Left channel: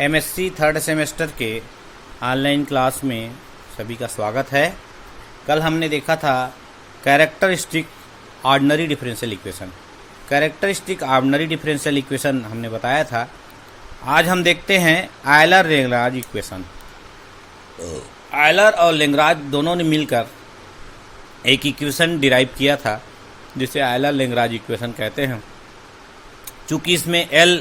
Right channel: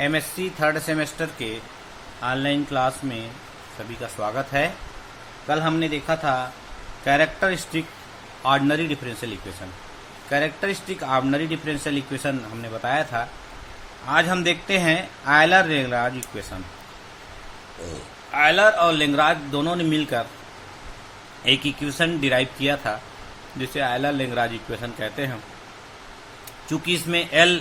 MSc third semester के online class में सभी का स्वागत है। कल हमने देखा था characteristic ordinary differential equation. Characteristic ordinary differential equation हमने बताया था। आज हम देखते हैं आयलर लेग्रांज इक्वेशन। आयलर और लेग्रांज दोनों ने मिलकर एक इक्वेशन डिराइव किया था जिसे आयलर लेग्रांज इक्वेशन कहते हैं। चूंकि इसमें एल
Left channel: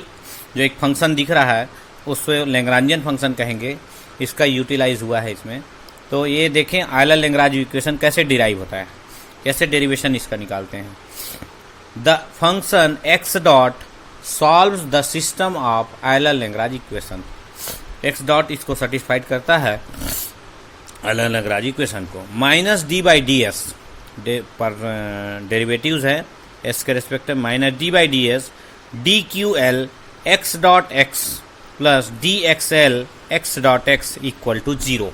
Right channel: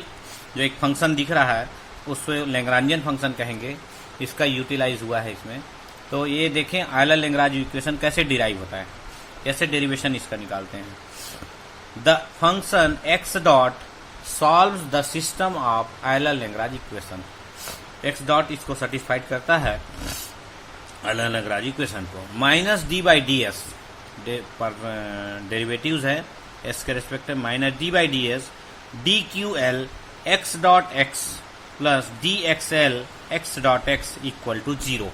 जो एक फंक्शन दिख रहा है उससे लेग्रांजियन फंक्शन कहेंगे, इसका यूटिलाइज हुआ है इसमें। तो ये देखें आयलर लेग्रांज इक्वेशन कैसे डिराइव होता है, कैसे डेरिवेशन इसका निकालते हैं। The function x dot solves the system of Euler Lagrange equation. X dot इसको सेटिस्फाइड करता है आयलर लेग्रांज इक्वेशन को। Minus d by d s पर डेरिवेटिव्स है एस के रेस्पेक्ट में, minus d by d s d q L x dot x plus d x L x dot x equal to 0।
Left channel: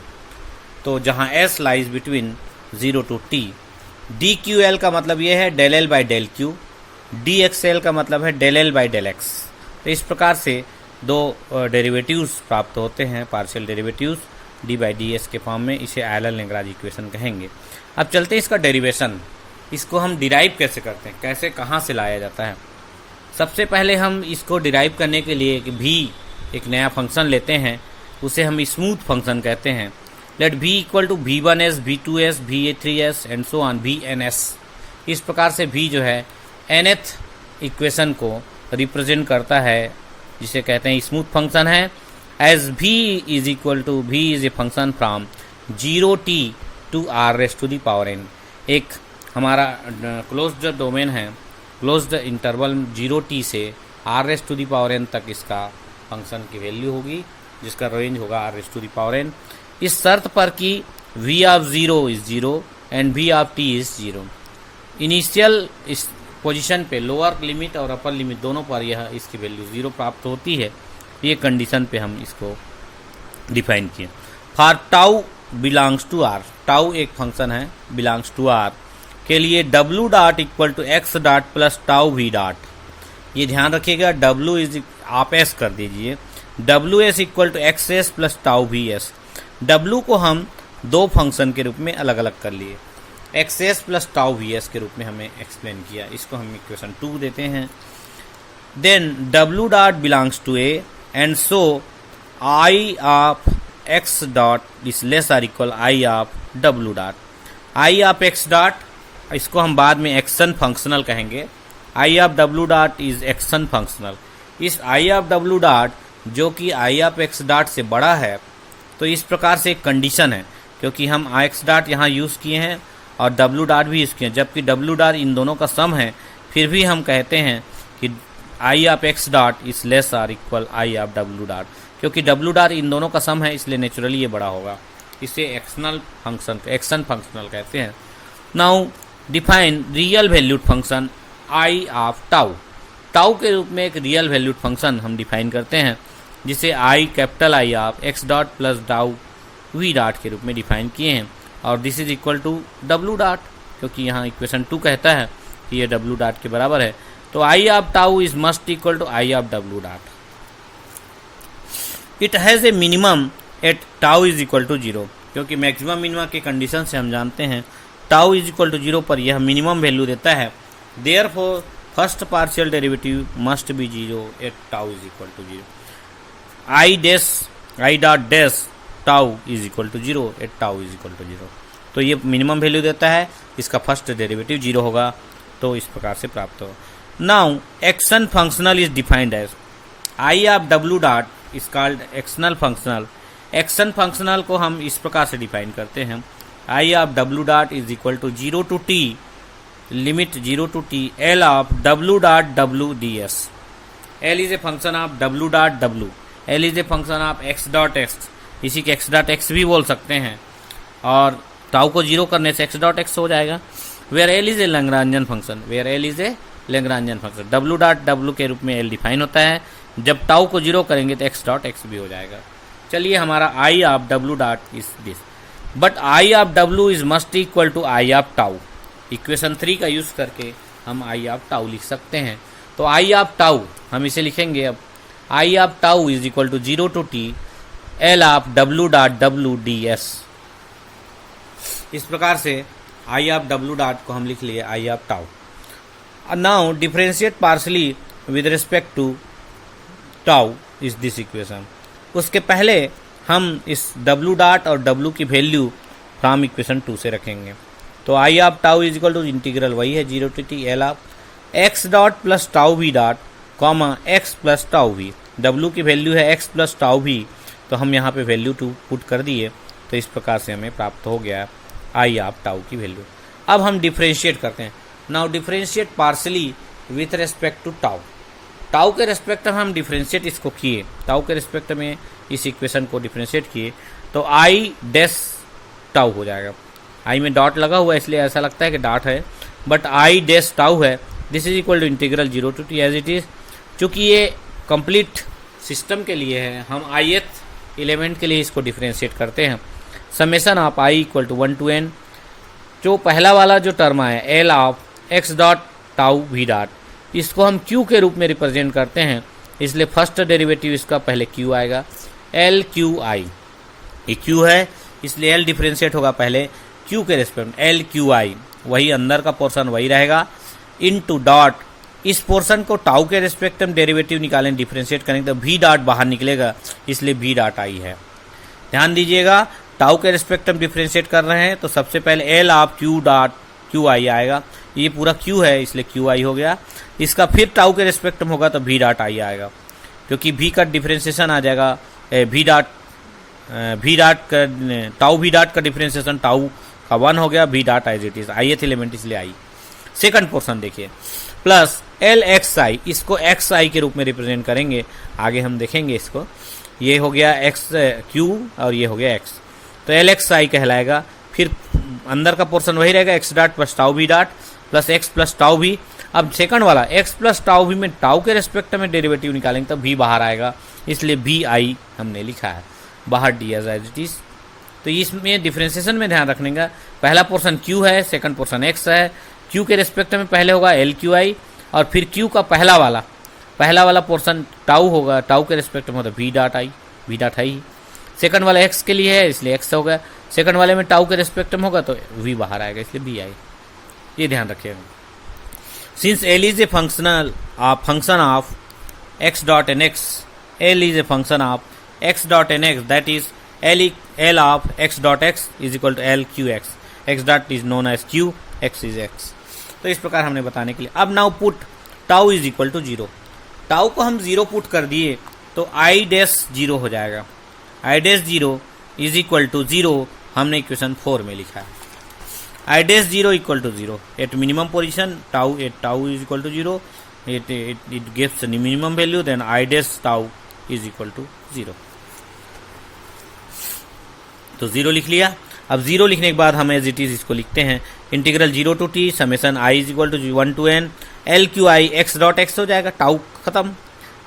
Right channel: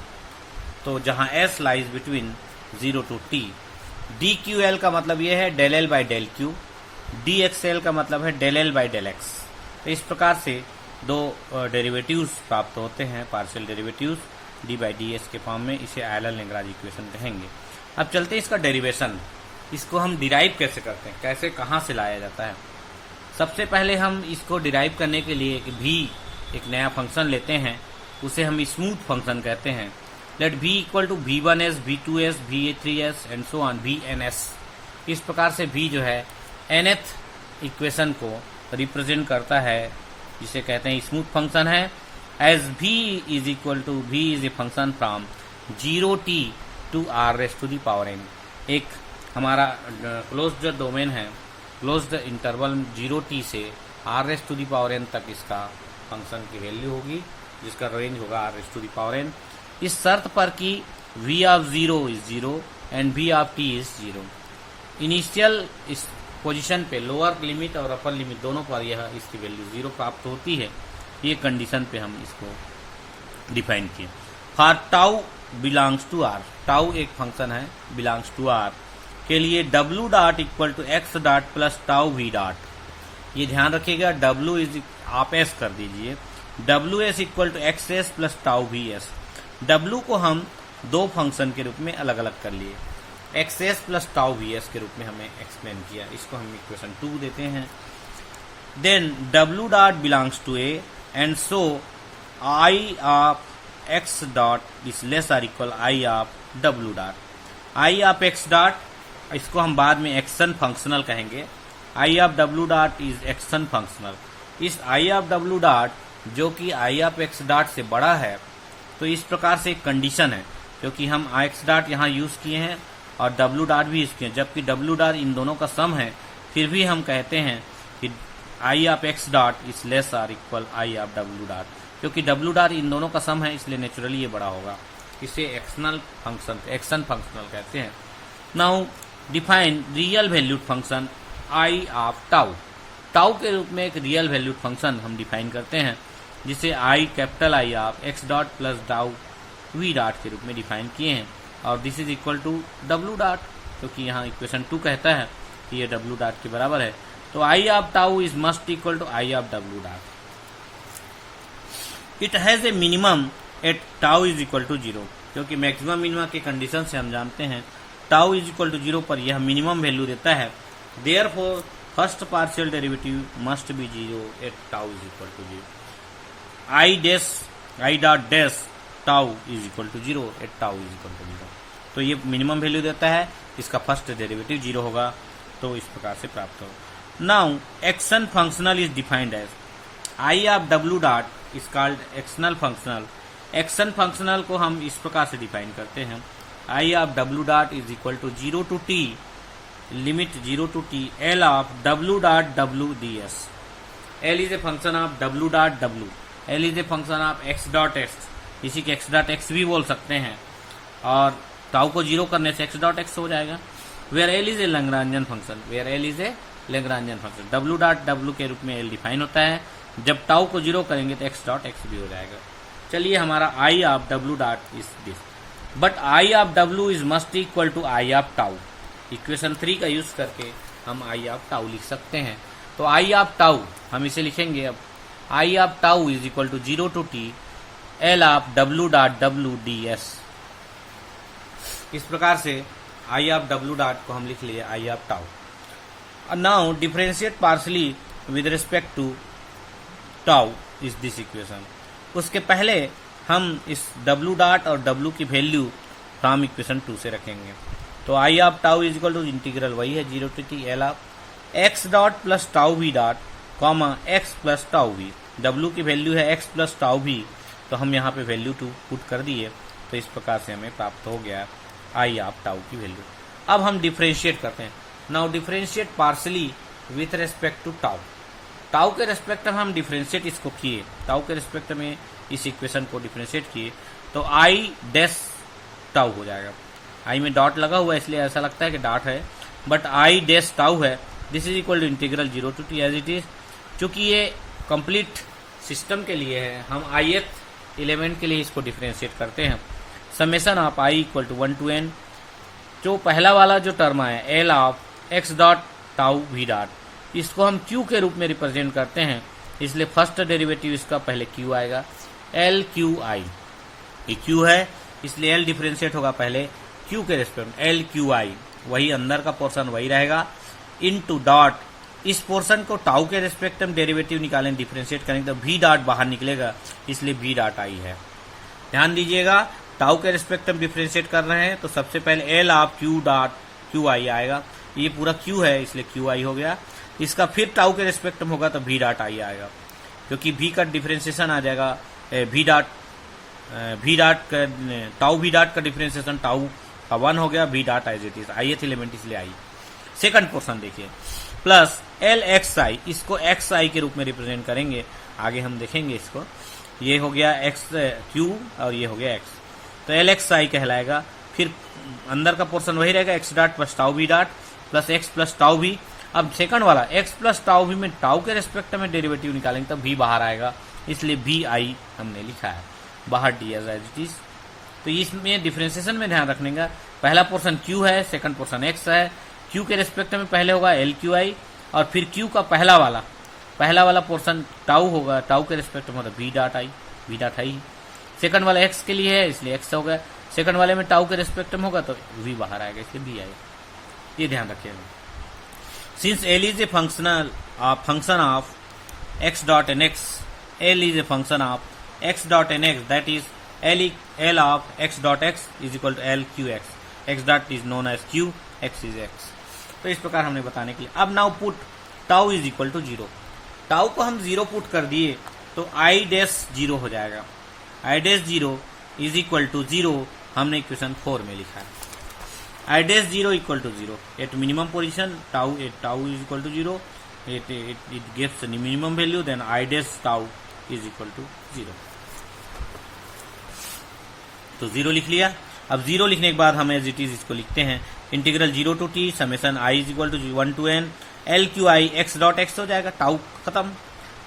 तो जहां s lies between 0 to टी। D q L का मतलब यह है del L by del q, d x L का मतलब है del L by del x. तो इस प्रकार से दो डेरिवेटिव्स प्राप्त होते हैं, partial derivatives d by d s के फॉर्म में। इसे आयलर लेग्रांज इक्वेशन कहेंगे। अब चलते हैं इसका डेरिवेशन, इसको हम डिराइव कैसे करते हैं, कैसे कहाँ से लाया जाता है। सबसे पहले हम इसको डिराइव करने के लिए भी एक नया फंक्शन लेते हैं, उसे हम स्मूथ फंक्शन कहते हैं। Let v equal to v1s, v2s, v3s and so on vns। इस प्रकार से v जो है nth इक्वेशन को रिप्रेजेंट करता है, जिसे कहते हैं स्मूथ फंक्शन है। As v is equal to v is a function from 0t to r raise to the power n। एक हमारा क्लोज्ड डोमेन है, क्लोज्ड इंटरवल 0t से r raise to the power n तक इसका function की value होगी, जिसका range होगा r raise to the power n। इस शर्त पर कि v of 0 is 0 and v of t is 0। Initial इस पोजीशन पे लोअर लिमिट और अपर लिमिट दोनों पर यह इसकी वैल्यू 0 प्राप्त होती है। ये कंडीशन पे हम इसको डिफाइन किए। For tau belongs to r, tau एक फंक्शन है बिलोंग्स टू r के लिए w dot equal to x dot plus tau v dot. ये ध्यान रखिएगा, w इज आप एस कर दीजिए, डब्ल्यू s equal to x s plus tau v s. डब्ल्यू को हम दो फंक्शन के रूप में अलग अलग कर लिए, x s plus tau v S के रूप में हमें एक्सप्लेन किया। इसको हम इक्वेशन 2 देते हैं। Then W dot belongs to A and so I of x dot is less or equal I of W dot. I of x dot इसको हम बाद में एक्शन फंक्शनल कहेंगे। I of W dot is action functional. इस I of W dot जो कि I of x dot से बड़ा है, तो इस प्रकार से एक कंडीशन है, क्योंकि हम आई एक्स डॉट यहाँ यूज़ किए हैं और डब्ल्यू डॉट भी यूज़ किए हैं, जबकि डब्ल्यू डॉट इन दोनों का सम है, फिर भी हम कहते हैं कि I of x dot is less or equal I of W dot. क्योंकि डब्ल्यू डॉट इन दोनों का सम है, इसलिए नेचुरली ये बड़ा होगा। इसे एक्शनल फंक्शन, एक्शन फंक्शनल कहते हैं। Now define real valued function I of tau. Tau के रूप में एक रियल वैल्यूड फंक्शन हम डिफाइन करते हैं, जिसे I capital I of x dot plus tau we dot के रूप में डिफाइन किए हैं। और दिस इज इक्वल टू डब्ल्यू डॉट, क्योंकि यहाँ इक्वेशन 2 कहता है कि ये डब्ल्यू डॉट के बराबर है। तो I of tau is must equal to I of W dot. It has a minimum at tau is equal to 0, क्योंकि मैक्सिमम मिनिमम के कंडीशन से हम जानते हैं टाउ इज इक्वल टू 0 पर यह मिनिमम वैल्यू देता है। Therefore first partial derivative must be 0 at tau is equal to 0। I dot dash tau is equal to 0 at tau is equal to 0। तो ये मिनिमम वैल्यू देता है, इसका first derivative 0 होगा, तो इस प्रकार से प्राप्त हो। Now action functional is defined as I of W dot is called actional functional. Action functional को हम इस प्रकार से डिफाइन करते हैं, I of W dot is equal to 0 to T limit 0 to T L of W dot W D S. L is a function of W dot W, L is a function of x dot X, इसी के x dot x भी बोल सकते हैं, और tau को 0 करने से एक्स डॉट एक्स हो जाएगा। Where L is a Lagrangian function, where L is a Lagrangian function, W dot W के रूप में एल डिफाइन होता है। जब टाउ को 0 करेंगे तो एक्स डॉट एक्स भी हो जाएगा। चलिए, हमारा I of W dot is this, but I of W is must equal to I of tau. Equation 3 का यूज करके हम आई ऑफ टाउ लिख सकते हैं। तो आई ऑफ टाउ हम इसे लिखेंगे अब I of tau is equal to 0 to t L of W dot W D S. इस प्रकार से आई ऑफ डब्ल्यू डॉट को हम लिख लिए I of tau. Now differentiate partially with respect to tau is this equation. उसके पहले हम इस डब्ल्यू डॉट और डब्ल्यू की वैल्यू फ्रॉम इक्वेशन 2 से रखेंगे। तो I of tau is equal to integral वही है 0 to t L of x dot plus tau we dot comma X plus tau V. W की वैल्यू है एक्स प्लस टाउ वी, तो हम यहाँ पे वैल्यू 2 पुट कर दिए, तो इस प्रकार से हमें प्राप्त हो गया आई ऑफ टाउ की वैल्यू। अब हम डिफरेंशिएट करते हैं। Now differentiate partially with respect to tau. Tau के रेस्पेक्ट में हम डिफरेंशिएट इसको किए, टाउ के रेस्पेक्ट में इस इक्वेशन को डिफरेंशिएट किए तो आई डैश टाउ हो जाएगा। आई में डॉट लगा हुआ है इसलिए ऐसा लगता है कि डॉट है, बट आई डैश टाउ है। This is equal to integral 0 to t as it is. चूंकि ये कंप्लीट सिस्टम के लिए है, हम ith एलिमेंट के लिए इसको डिफरेंशिएट करते हैं। Summation of I equal to 1 to n। जो पहला वाला जो टर्म है L of x dot tau we dot, इसको हम क्यू के रूप में रिप्रेजेंट करते हैं, इसलिए फर्स्ट डेरिवेटिव इसका पहले क्यू आएगा एल क्यू आई। ये क्यू है इसलिए एल डिफरेंशिएट होगा पहले क्यू के रेस्पेक्ट एल क्यू आई, वही अंदर का पोर्शन वही रहेगा, इनटू डॉट इस पोर्शन को टाउ के रेस्पेक्ट में डेरिवेटिव निकालें डिफरेंशिएट करेंगे तो वी डॉट बाहर निकलेगा, इसलिए वी डॉट आई है। ध्यान दीजिएगा टाउ के रेस्पेक्ट में डिफरेंशिएट कर रहे हैं तो सबसे पहले L of Q dot Q I आएगा। ये पूरा क्यू है इसलिए क्यू आई हो गया। इसका फिर टाउ के रेस्पेक्ट में होगा तो वी डॉट आई आएगा, क्योंकि वी का डिफरेंशिएशन आ जाएगा वी डॉट का टाउ वी डॉट का डिफरेंशिएशन टाउ का 1 हो गया, we dot I it is ith element इसलिए आई। सेकंड पोर्शन देखिए प्लस एल एक्स आई, इसको एक्स आई के रूप में रिप्रेजेंट करेंगे, आगे हम देखेंगे इसको। ये हो गया एक्स क्यू और ये हो गया एक्स, तो एल एक्स आई कहलाएगा। फिर अंदर का पोर्शन वही रहेगा x dot plus tau we dot plus x plus tau v. अब सेकंड वाला एक्स प्लस टाउ वी में टाउ के रेस्पेक्ट में डेरिवेटिव निकालेंगे तो वी बाहर आएगा, इसलिए वी आई हमने लिखा है, बाहर डी एज इट इज। तो इसमें डिफरेंशिएशन में ध्यान रखने का, पहला पोर्शन क्यू है, सेकंड पोर्शन एक्स है। क्यू के रेस्पेक्ट में पहले होगा एल क्यू आई और फिर क्यू का पहला वाला पोर्शन टाउ होगा, टाउ के रेस्पेक्ट में होता we dot I, we dot I. Second वाला एक्स के लिए है इसलिए एक्स हो गया, सेकंड वाले में टाउ के रेस्पेक्ट में होगा तो वी बाहर आएगा इसलिए वी आई। ये ध्यान रखिएगा। Since L is a function of x dot and x, L is a function of x dot and x, that is L of x dot x is equal to L q x, x dot is known as q, x is x. तो इस प्रकार हमने बताने के लिए। अब now put tau is equal to 0। Tau को हम 0 पुट कर दिए तो आई डैश 0 हो जाएगा। I dash 0 is equal to 0 हमने इक्वेशन 4 में लिखा है। I dash 0 equal to 0 at minimum position tau is equal to 0, it gives the minimum value, then I dash tau is equal to 0। तो 0 लिख लिया। अब 0 लिखने के बाद हम एज इट इज इसको लिखते हैं integral 0 to t summation i is equal to 1 to n L Q I x dot x हो जाएगा, टाउ खत्म,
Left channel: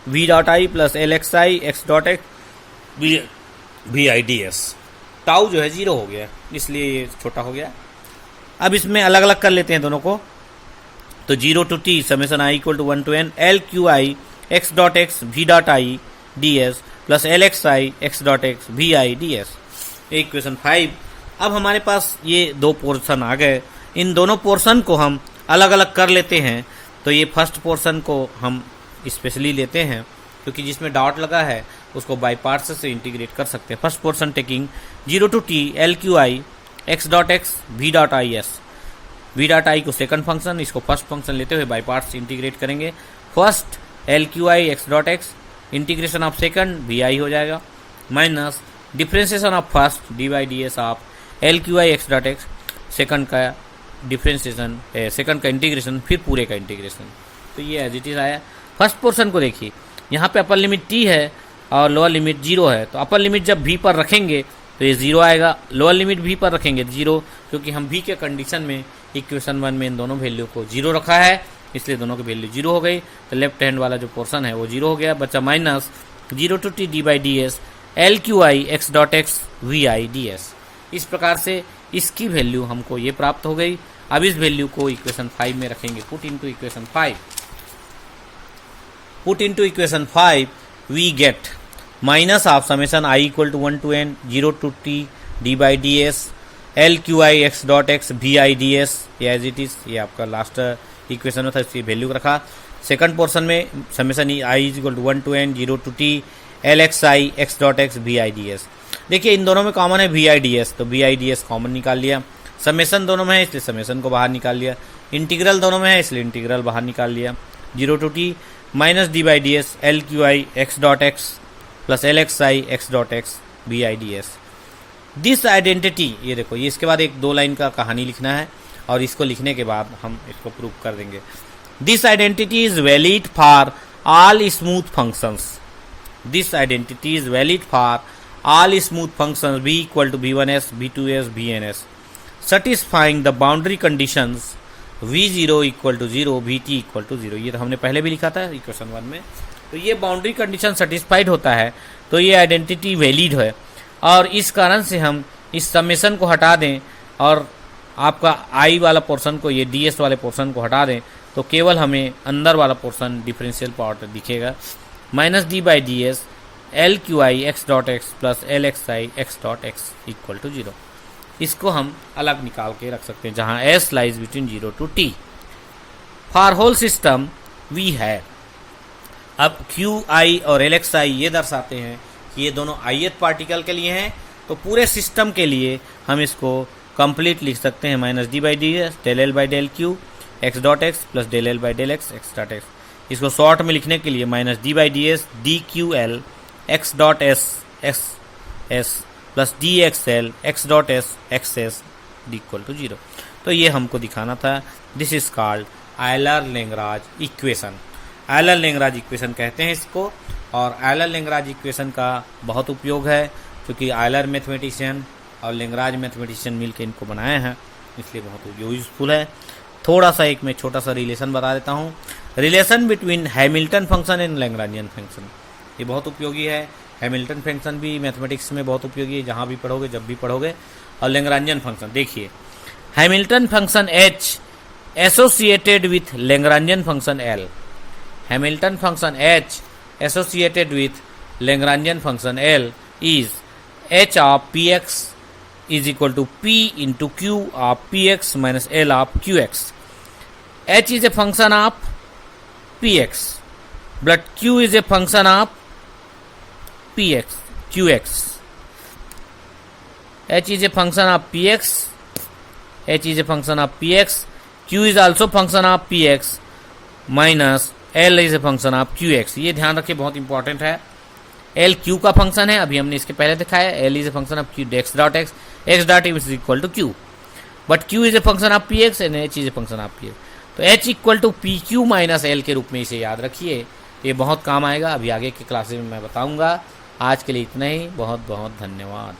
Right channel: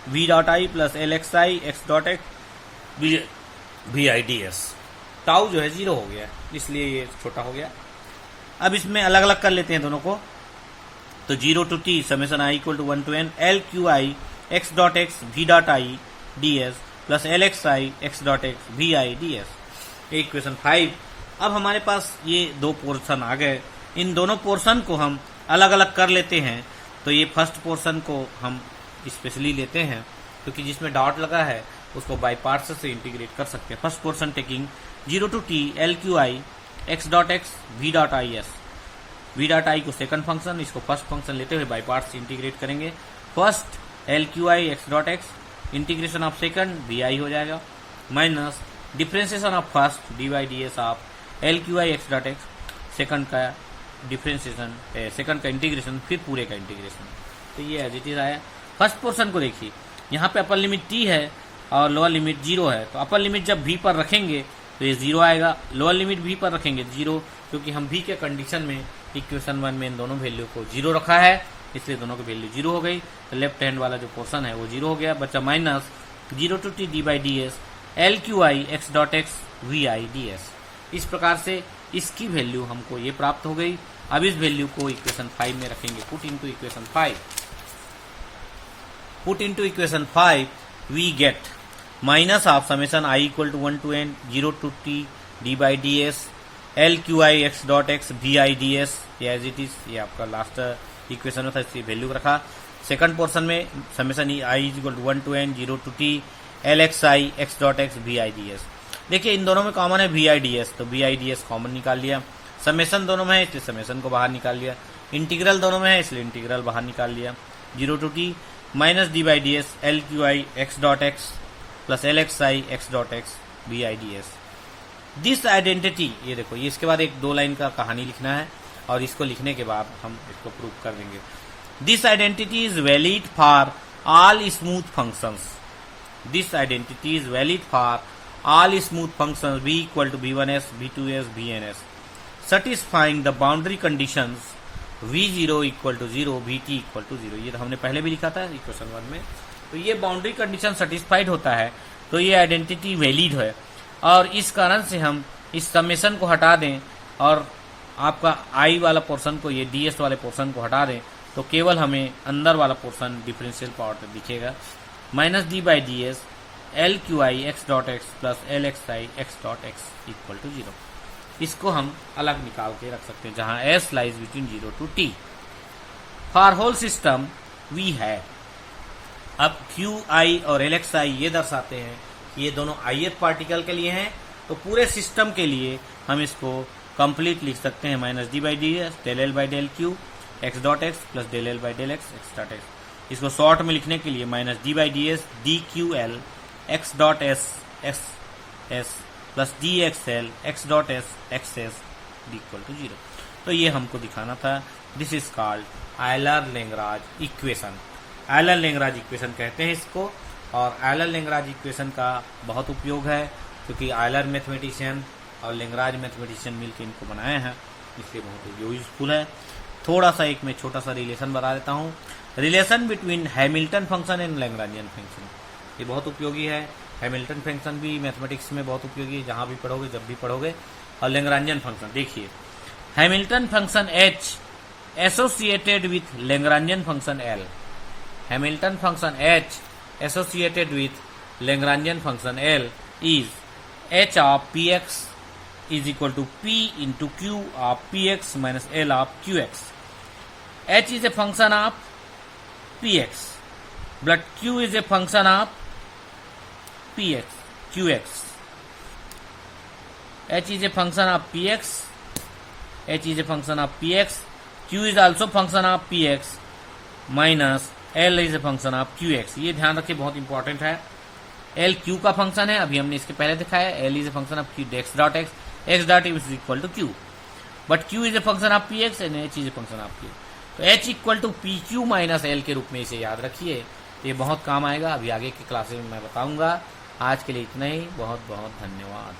v dot I plus L x I x dot x v I d s. Tau जो है 0 हो गया इसलिए ये छोटा हो गया। अब इसमें अलग अलग कर लेते हैं दोनों को, तो 0 to t summation i equal to 1 to n L Q I x dot x we dot I d s plus L x I x dot x v I d s. Equation 5। अब हमारे पास ये दो portion आ गए, इन दोनों portion को हम अलग अलग कर लेते हैं। तो ये फर्स्ट पोर्शन को हम स्पेशली लेते हैं क्योंकि जिसमें डॉट लगा है उसको बाई पार्ट्स से इंटीग्रेट कर सकते हैं। First portion taking 0 to t L Q I x dot x we dot I S, V dot I को सेकंड फंक्शन, इसको फर्स्ट फंक्शन लेते हुए बाई पार्ट्स इंटीग्रेट करेंगे। First L Q I x dot X integration of second V I हो जाएगा minus differentiation of first D Y D S of L Q I x dot X, second का differentiation, second का integration, फिर पूरे का integration. तो ये as it is आया। फर्स्ट पोर्शन को देखिए, यहाँ पे अपर लिमिट t है और लोअर लिमिट 0 है, तो अपर लिमिट जब v पर रखेंगे तो ये 0 आएगा, लोअर लिमिट v पर रखेंगे 0, क्योंकि हम v के कंडीशन में इक्वेशन 1 में इन दोनों वैल्यू को 0 रखा है इसलिए दोनों की वैल्यू 0 हो गई। तो लेफ्ट हैंड वाला जो पोर्शन है वो 0 हो गया, बचा minus 0 to t d by d S L Q I x dot x v I d S. इस प्रकार से इसकी वैल्यू हमको ये प्राप्त हो गई। अब इस वैल्यू को इक्वेशन 5 में रखेंगे, put into equation 5, put into equation 5 v get minus of summation I equal to 1 to n 0 to t d by d S L Q I x dot x v I d s as it is. ये आपका last equation में था, इसकी value रखा। Second portion में summation I is equal to 1 to n 0 to t L x I x dot x v I d s. देखिए इन दोनों में कॉमन है वी आई डी एस, तो v I d s common निकाल लिया। Summation दोनों में है इसलिए समेशन को बाहर निकाल लिया। इंटीग्रल दोनों में है इसलिए इंटीग्रल बाहर निकाल लिया। 0 to t minus d by d S L Q I x dot x plus L x I x dot x v I d s. This identity, ये देखो, ये इसके बाद एक 2 लाइन का कहानी लिखना है और इसको लिखने के बाद हम इसको प्रूव कर देंगे। This identity is valid for all smooth functions. This identity is valid for all smooth functions v equal to v1s, v2s, vns, satisfying the boundary conditions v0 equal to 0, vt equal to 0। ये तो हमने पहले भी लिखा था equation 1 में। तो ये बाउंड्री कंडीशन सेटिस्फाइड होता है तो ये आइडेंटिटी वैलिड है, और इस कारण से हम इस समेशन को हटा दें और आपका i वाला पोर्शन को, ये ds वाले पोर्शन को हटा दें तो केवल हमें अंदर वाला पोर्शन डिफरेंशियल पार्ट दिखेगा। Minus d by d S L Q I x dot x plus L x I x dot x equal to 0। इसको हम अलग निकाल के रख सकते हैं जहां s lies between 0 to t। For whole system v है। अब क्यू आई और एल एक्स आई ये दर्शाते हैं कि ये दोनों ith पार्टिकल के लिए हैं, तो पूरे सिस्टम के लिए हम इसको कंप्लीट लिख सकते हैं minus d by d s del L by del q x dot x plus del L by del x x dot x. इसको शॉर्ट में लिखने के लिए minus d by d s d q L x dot s x s plus d x L x dot s x s d equal to 0। तो ये हमको दिखाना था। This is called Euler Lagrange equation. Euler Lagrange equation कहते हैं इसको, और Euler-Lagrange equation का बहुत उपयोग है क्योंकि आयलर मैथमेटिशियन और लैग्रांज मैथमेटिशियन मिलकर इनको बनाए हैं, इसलिए बहुत यूजफुल है। थोड़ा सा एक मैं छोटा सा रिलेशन बता देता हूँ। Relation between Hamilton function and Lagrangian function, ये बहुत उपयोगी है। हैमिल्टन फंक्शन भी मैथमेटिक्स में बहुत उपयोगी है, जहाँ भी पढ़ोगे जब भी पढ़ोगे। और लैग्रांजियन फंक्शन देखिए, Hamilton function h associated with Lagrangian function l। Hamilton function h associated with Lagrangian function l is h of px is equal to p into q of px minus l of qx। h is a function of px but q is a function of px qx। h is a function of px, h is a function of px, q is also function of px minus l is a function of qx। ये ध्यान रखिए, बहुत important है। l q का function है, अभी हमने इसके पहले दिखाया। l is a function of q x dot x, x dot is equal to q, but q is a function of px and h is a function of px। तो h equal to p q minus L के रूप में इसे याद रखिए, ये बहुत काम आएगा। अभी आगे की क्लासेस में मैं बताऊंगा। आज के लिए इतना ही, बहुत बहुत धन्यवाद।